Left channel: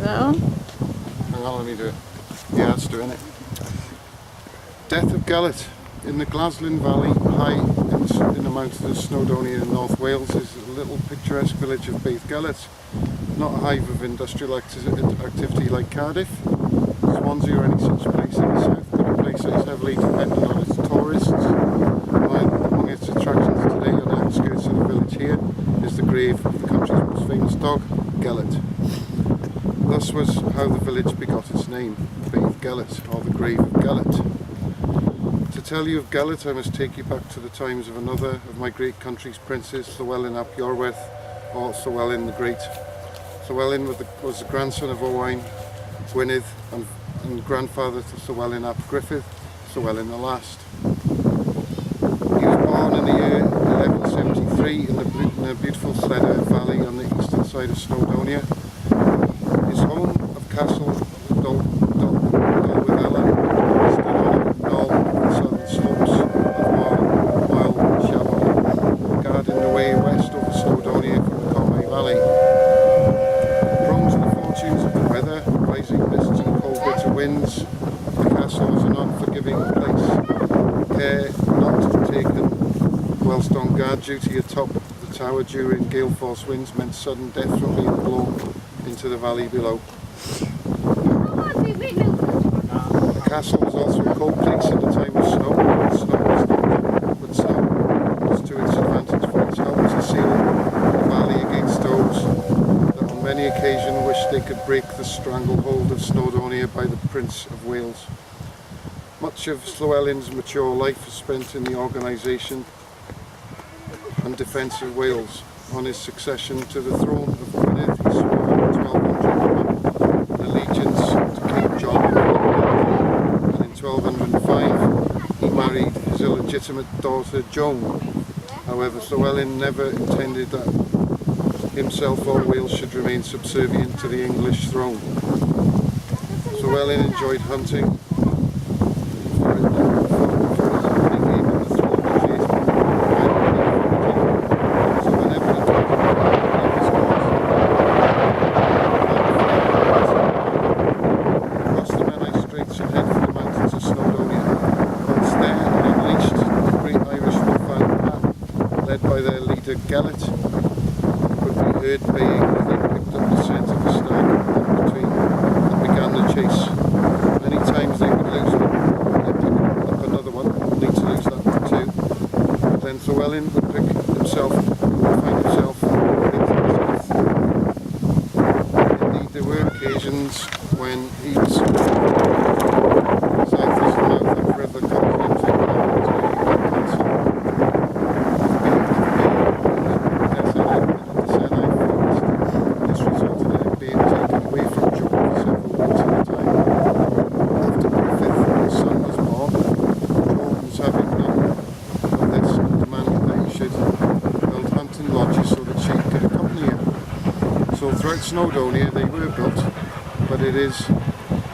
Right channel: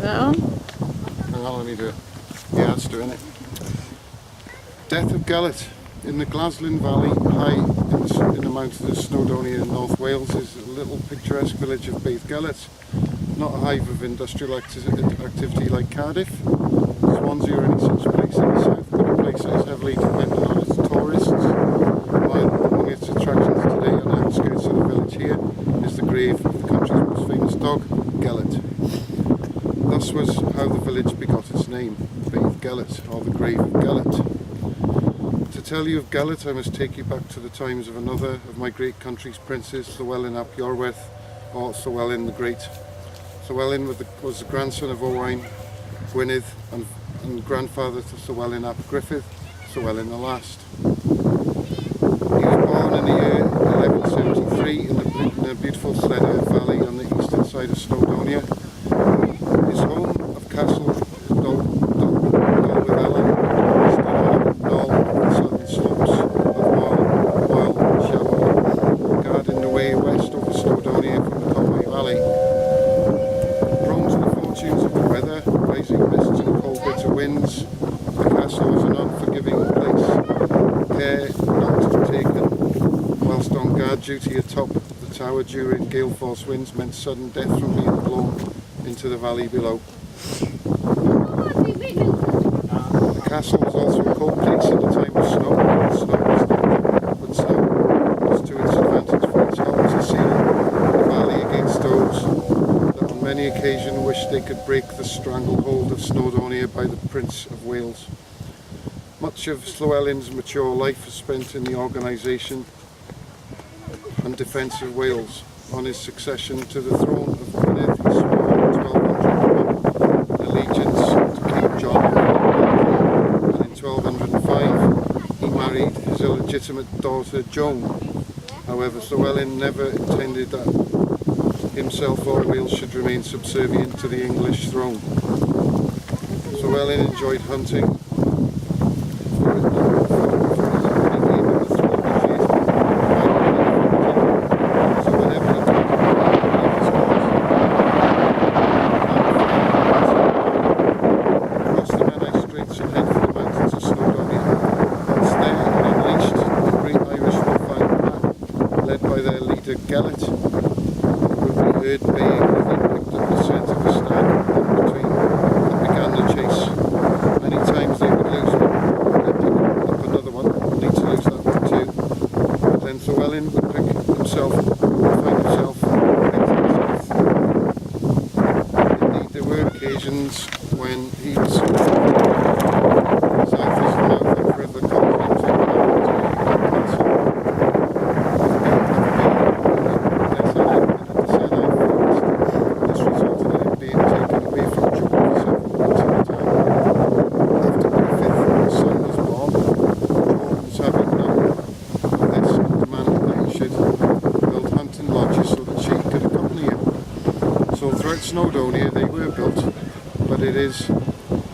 Is that on? Hang on, let me do it. Yeah, it's doing it. Death of Gellerts. In the Glaslyn Valley, high in the mountains of Snowdonia in North Wales, is a little picturesque village of Beddgellert. Not a hive of industrial activity like Cardiff, Swansea or any such place in the south, but a place that is heavily dependent on its tourists. Among its attractions today, on the outskirts of the village here, is the grave of the country's most famous dog, Gellert. Thus was how the village begot its name, Beddgellert, or the grave of Gellert. To tell you of Gellert, I must take you back to the times of another of my great country's princes, Llywelyn ap Iorwerth, or Llywelyn the Great. Llywelyn was the grandson of Owain Gwynedd and grandfather to Llywelyn ap Griffith, Llywelyn the Last. He was born in the year 1173 in the beautiful Lledr Valley on the eastern side of Snowdonia. His home of Castle Dolwyddelan stood on a knoll on the southern slopes of Moel Shabon, guarding the way west over Snowdonia from the Conway Valley. Prone to the fortunes of the weather, rising mists and cold bitter winds, the castle was an unforgiving place. Care not taken whilst on guard duty atop the tower during gale force winds meant sudden death from being blown into the valley below. The castle was also a cold place in the time of snow. Snow was to its advantage, for it helped to seal the valley against those that on many occasions wished they could break the stranglehold of Snowdonia by the Prince of Wales. Much of Llywelyn's mature life was spent in the organisation and defence of Wales. On his succession to the throne of Gwynedd, he swore in 1201 an allegiance to King John, and in 1205 he married his illegitimate daughter Joan. However, Llywelyn never intended that himself or Wales should remain subservient to the English throne. Llywelyn enjoyed hunting, for it not only gave him the thrill of the chase, but provided him with hunting. So whenever he could leave his court, cross the Menai Straits and head for the mountains of Snowdonia. Once there and unleashed, the great Irish wolfhound pack, led by their leader Gelert, would be heard baying as they picked up the scent of a stag and began the chase. Many times they would lose one, and then pick up another one, only to lose that one too. But then Llywelyn would find himself way to the south. Indeed, there were occasions when he was so far south as the mouth of River Colin to nearly Glen Castle, of being in the Senai forest. This resulted in him being taken away from Joan for several weeks at a time. After Griffith, his son, was born, Joan was having none of this and demanded that he should build hunting lodges so that she could accompany him. So throughout Snowdonia they were built, but it is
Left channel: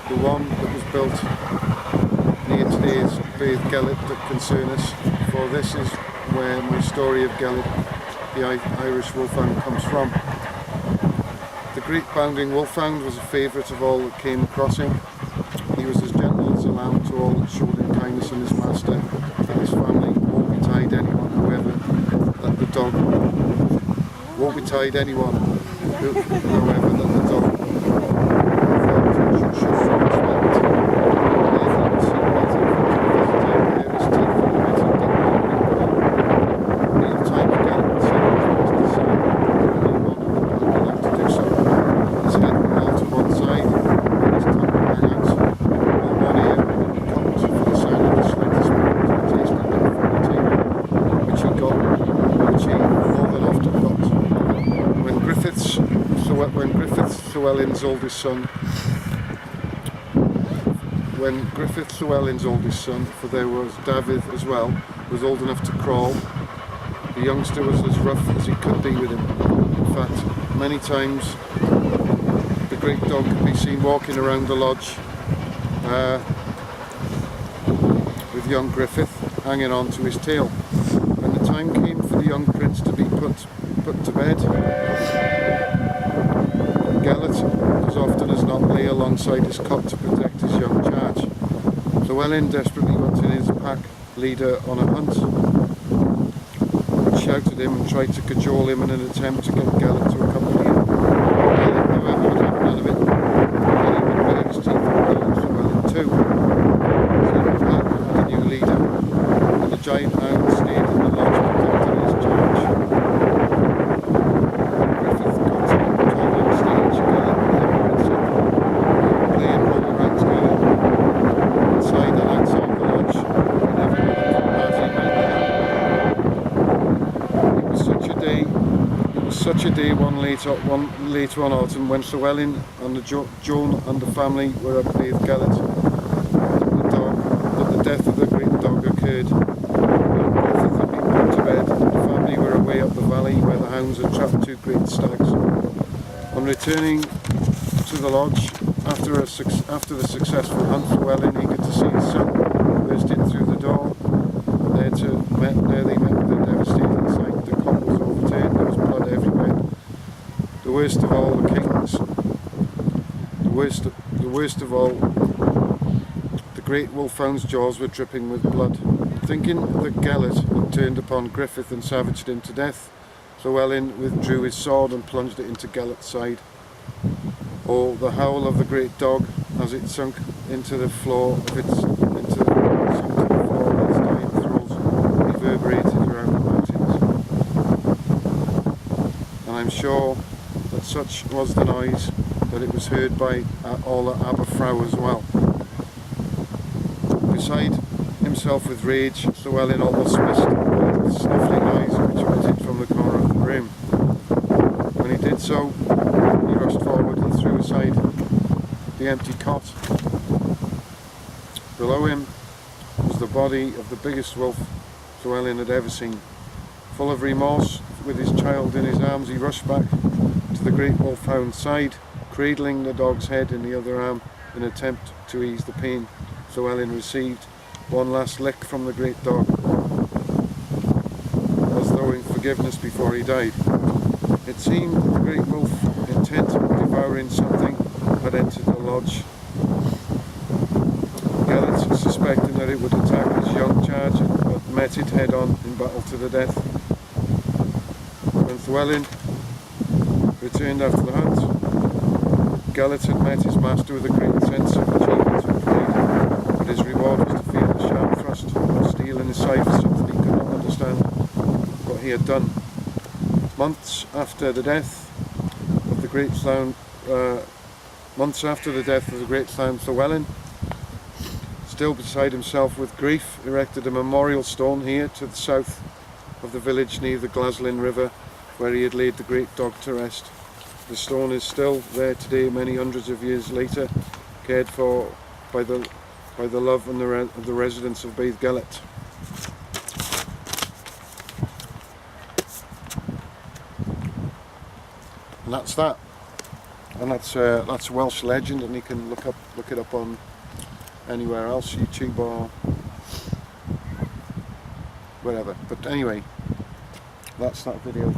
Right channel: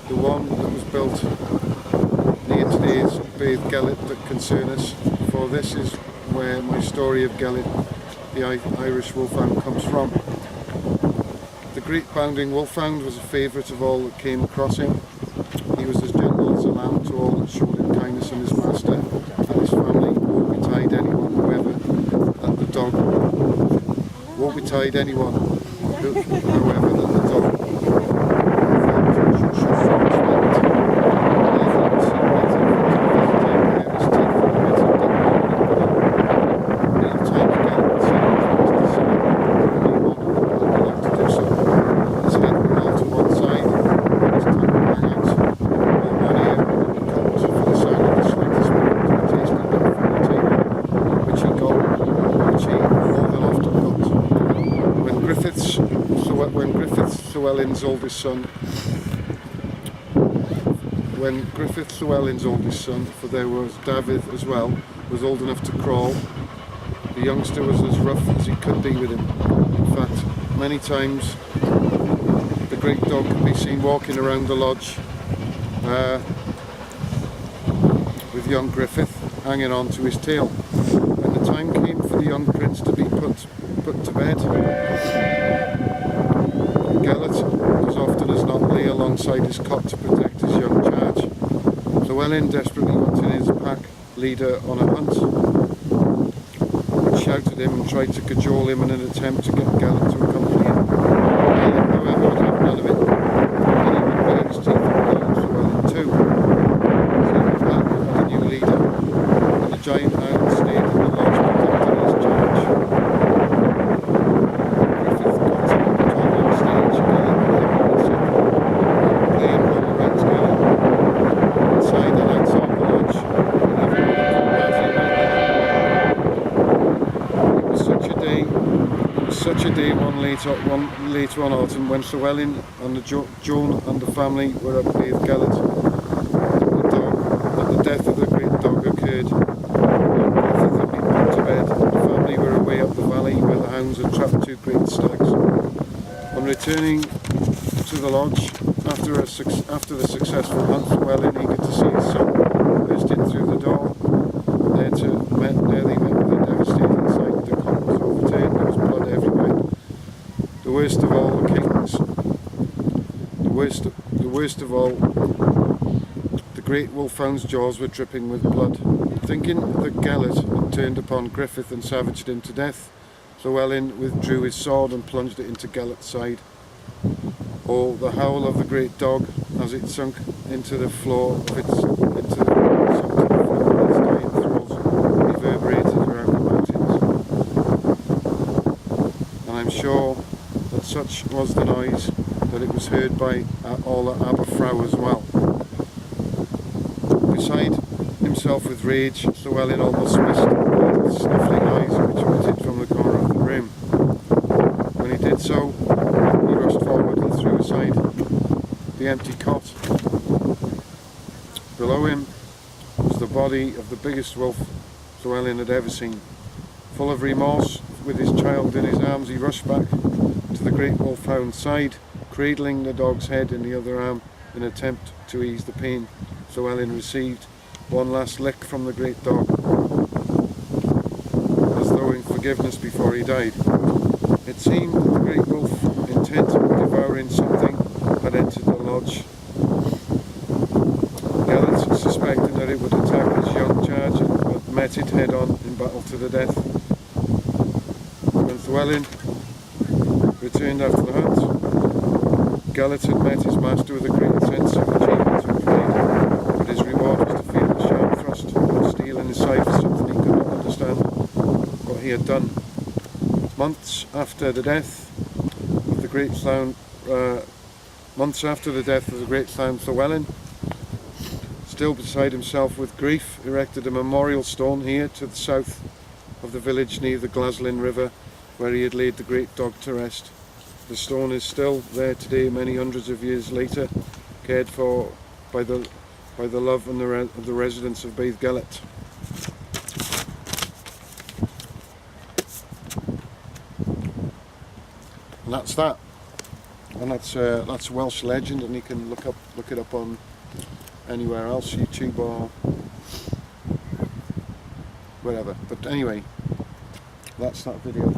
the one that was built near today's Beddgellert that concern us, for this is where my story of Gellert, the Irish wolfhound, comes from. The great bounding wolfhound was a favourite of all that came across him. He was as gentle as a lamb to all that showed him kindness, and his master and his family won't betide anyone, however, that the dog thought should show him respect. And then he would sit right in front of the visitor, bare his teeth and emit a deep moaning growl. At meal times, Gelert would sit on his master's side, the only one of the pack allowed to do so. His head would roll to one side, and his tongue would hang out, while one ear would be cocked for the sound of the slightest movement of a tasty bit from the table, which he more than often got. When Griffith, Llywelyn's oldest son, for there was David as well, was old enough to crawl, the youngster was as rough as he could be with him. In fact, many times the great dog could be seen walking around the lodge with young Griffith hanging on to his tail. When the time came for the young prince to be put to bed, Gellert, as often as not, lay alongside his cot to protect his young charge. Llewellyn, desperately wanting his pack leader on a hunt, would shout at him and tried to cajole him in an attempt to get Gellert to accompany him. Gellert, however, would have none of it, and he would bare his teeth and growl at Llewellyn too. Soon the pack had a new leader, and the giant hound stayed in the lodge protecting his charge. When Griffith got to the toddling stage, Gellert and him were inseparable. They would play and roll around together, inside and outside the lodge, whenever the party met there. It was such a day one later one autumn when Llewellyn and Joan and the family were up Beddgellert that the death of the great dog occurred. Young Griffith had been put to bed, and the family were away up the valley where the hounds had trapped 2 great stags. On returning to the lodge after the successful hunt, Llewellyn, eager to see his son, burst in through the door. There they met with a devastating sight. The cot was overturned, there was blood everywhere. The worst of all, the great wolfhound's jaws were dripping with blood. Thinking that Gellert had turned upon Griffith and savaged him to death, Llewellyn withdrew his sword and plunged it into Gellert's side. Oh, the howl of the great dog as it sunk into the floor of its dying throes reverberated around the mountains. And I'm sure that such was the noise that it was heard by all at Aberfrow as well. Beside himself with rage, Llewellyn almost missed the little snuffling noise which emitted from the corner of the room. When he did so, he rushed forward and threw aside the empty cot. Below him was the body of the biggest wolf Llewellyn had ever seen. Full of remorse, with his child in his arms, he rushed back to the great wolfhound's side, cradling the dog's head in the other arm in an attempt to ease the pain Llewellyn received. One last lick from the great dog, as though in forgiveness before he died. It seemed that the great wolf, intent on devouring something, had entered the lodge. Gellert, suspecting that it would attack his young charge, had met it head-on in battle to the death. When Llewellyn returned after the hunt, Gellert had met his master with a great sense of achievement and pride, but his reward was to feel the sharp thrust of steel in his side for something he could not understand what he had done. Months after the death of the great clown, Llewellyn, still beside himself with grief, erected a memorial stone here to the south of the village near the Glaslyn River, where he had laid the great dog to rest. The stone is still there today, many hundreds of years later, cared for by the love and the residents of Beddgellert. And that's that. And that's a Welsh legend, and you can look it up on anywhere else, YouTube or wherever. But anyway, that's that video.